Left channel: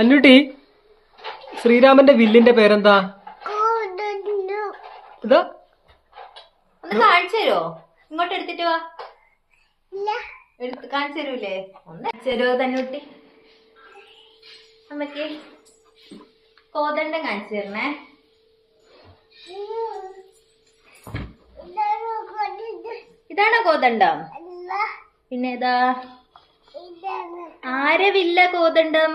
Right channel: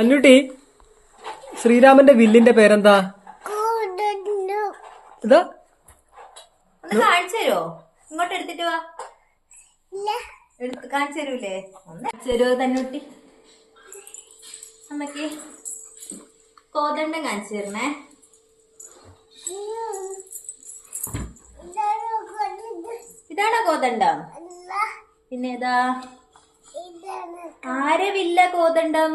അന്നൂട്ടി, ശ്രീരാമന്റെ വില്ലിന്റെ പേരെന്താ? ഇതാ ഒന്ന് കാണിച്ചു തരുമോ? ഇങ്ങോട്ട് എടുത്തിട്ട് വാ. കാണിച്ചു തരൂലേ? ഒന്ന് കാണിച്ചു തരുമോ തന്നൂട്ടി? അമ്മക്ക് കോതണ്ടം കാണിച്ചു തരണേ. ഇതാണോ കോതണ്ടം? പിന്നെ ഏതാ? ആരെ വില്ല കോതണ്ടം?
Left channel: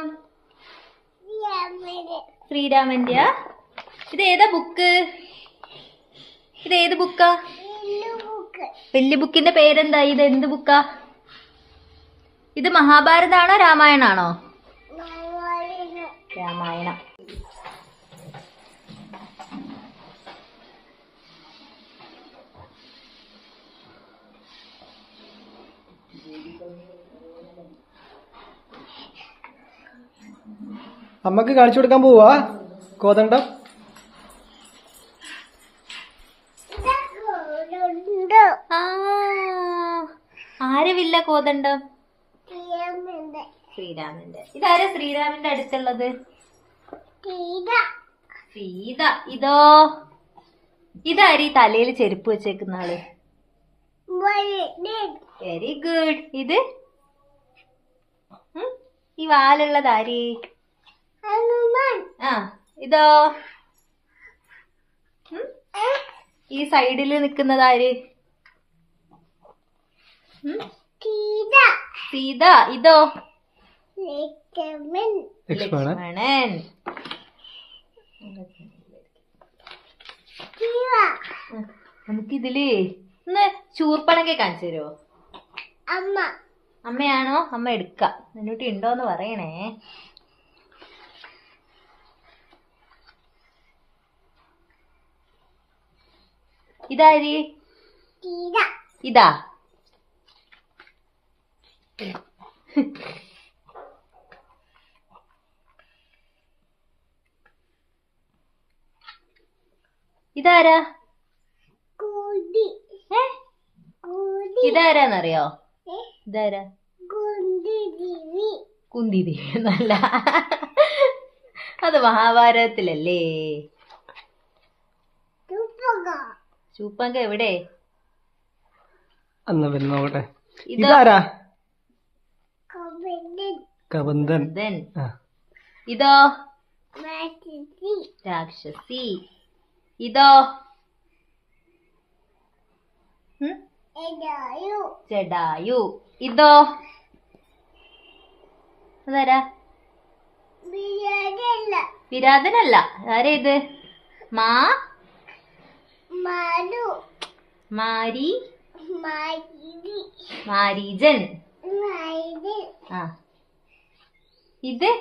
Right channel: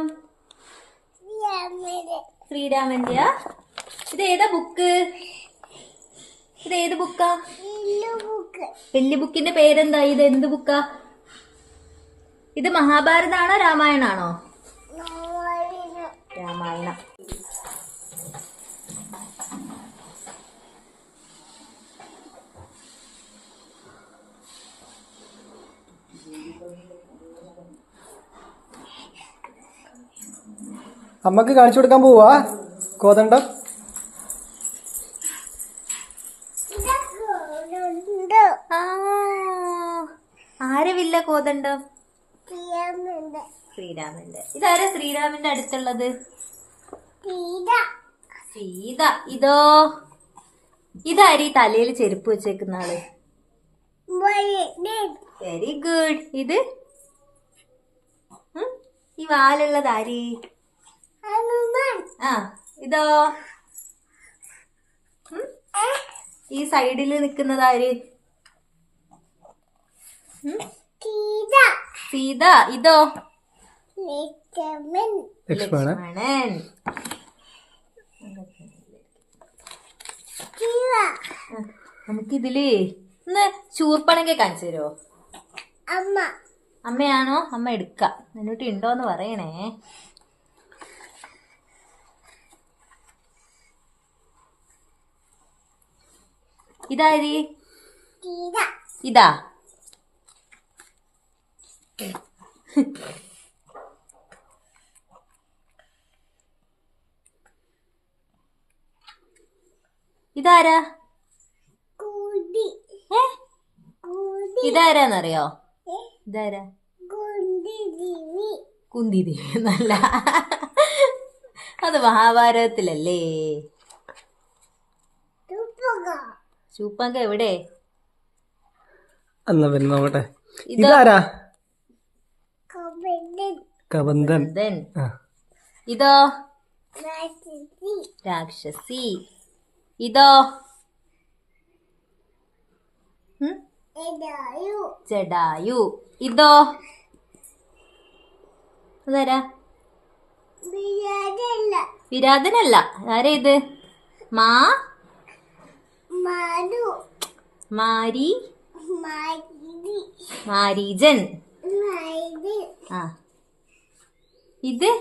ശ്രീരാമന്റെയാ? ഇതേതാ ബുക്ക്? ഇതേത് ബുക്കാ? വലിയ ബുക്കിന്റെ പേരെന്താ? ഇത് എന്ത് ബുക്കാ? ഇത് മഹാഭാരതാണോ രാമായണാണോ? രാമായണം. അമ്മക്ക് കാണിച്ചു കൊടുക്കാൻ പോവാ കോതണ്ടം. ആരവില്ല കോതണ്ടം? ശ്രീരാമന്റെ. ഇതാരാ ശ്രീരാമന്റെ അടുത്തുള്ളത്? സീത. ഇതോ? ഇതാരീ തലയിൽ ചെരുപ്പ് വെച്ചേക്കുന്ന ആള്? Very good. ഇത് ഈ വാലുള്ളതാരി? ആ. ഇതോ? ഈ സൈഡില് നിക്കുന്നതാര്? സീത. ഇതോ? ലക്ഷ്മണൻ. നമുക്കിതില് ഒന്ന് ചൂർപ്പണൊക്കെ കാണിച്ചു തരുമോ? അമ്മയാണോ? അമ്മ എടുക്കാം. എന്നിട്ട് ഉണ്ടോന്ന് പറയണേ. ഇതാരി? ഇതാ? ഇതാരാ? ഇതാരാന്നറിയോ? ഇതാരാ? കുന്തിദേവി എന്നല്ല, അത് മഹാഭാരതത്തിലല്ലേ. ചൂപ്പങ്ക എവിടെ? എന്നാ പിന്നെ നോക്കട്ടെ. ഇതാരാ? കബന്ധൻ. ഇതോ? രാക്ഷസി. ഇതോ? ജടായു. ഇതോ? അതാരാ? വിരാതനല്ല. ആരാ ഇത്? മാരി. മാരീജൻ. ആ. ഇത്?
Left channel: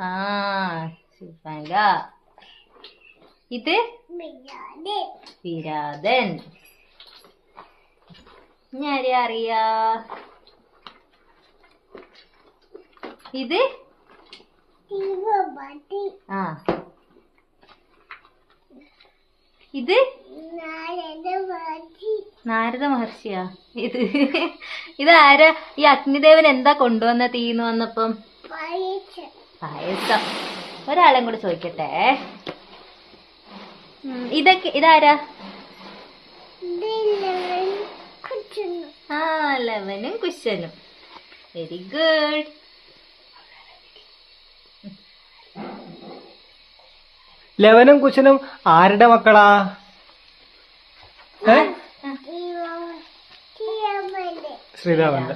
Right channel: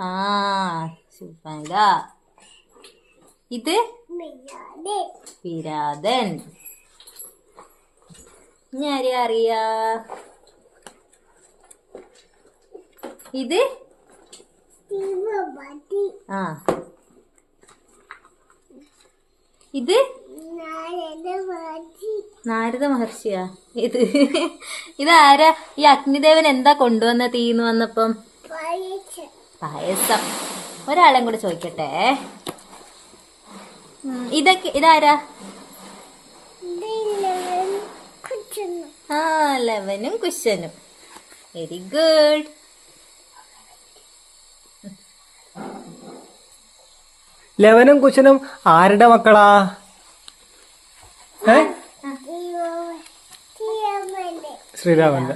ആ, ശുഭങ്ക. ഇത്? വിരാതൻ. ഇനി ആരെയാ അറിയാ? ഇത്? ആ. ഇത്? നാരദ മഹർഷിയാ? ഇത് ഇതാരാ? ഈ അഗ്നിദേവൻ എന്താ കൊണ്ടുവന്ന തീന്ന് വന്നപ്പം? പായസം. ഒരാളെയും കൂടെ ചോദിക്കട്ടെ. ഇതാരാ? ആ, ലവനും കുശനും. Very good. ലവനും കുശനും ആരുടെ മക്കളാ? ശ്രീരാമന്റെ.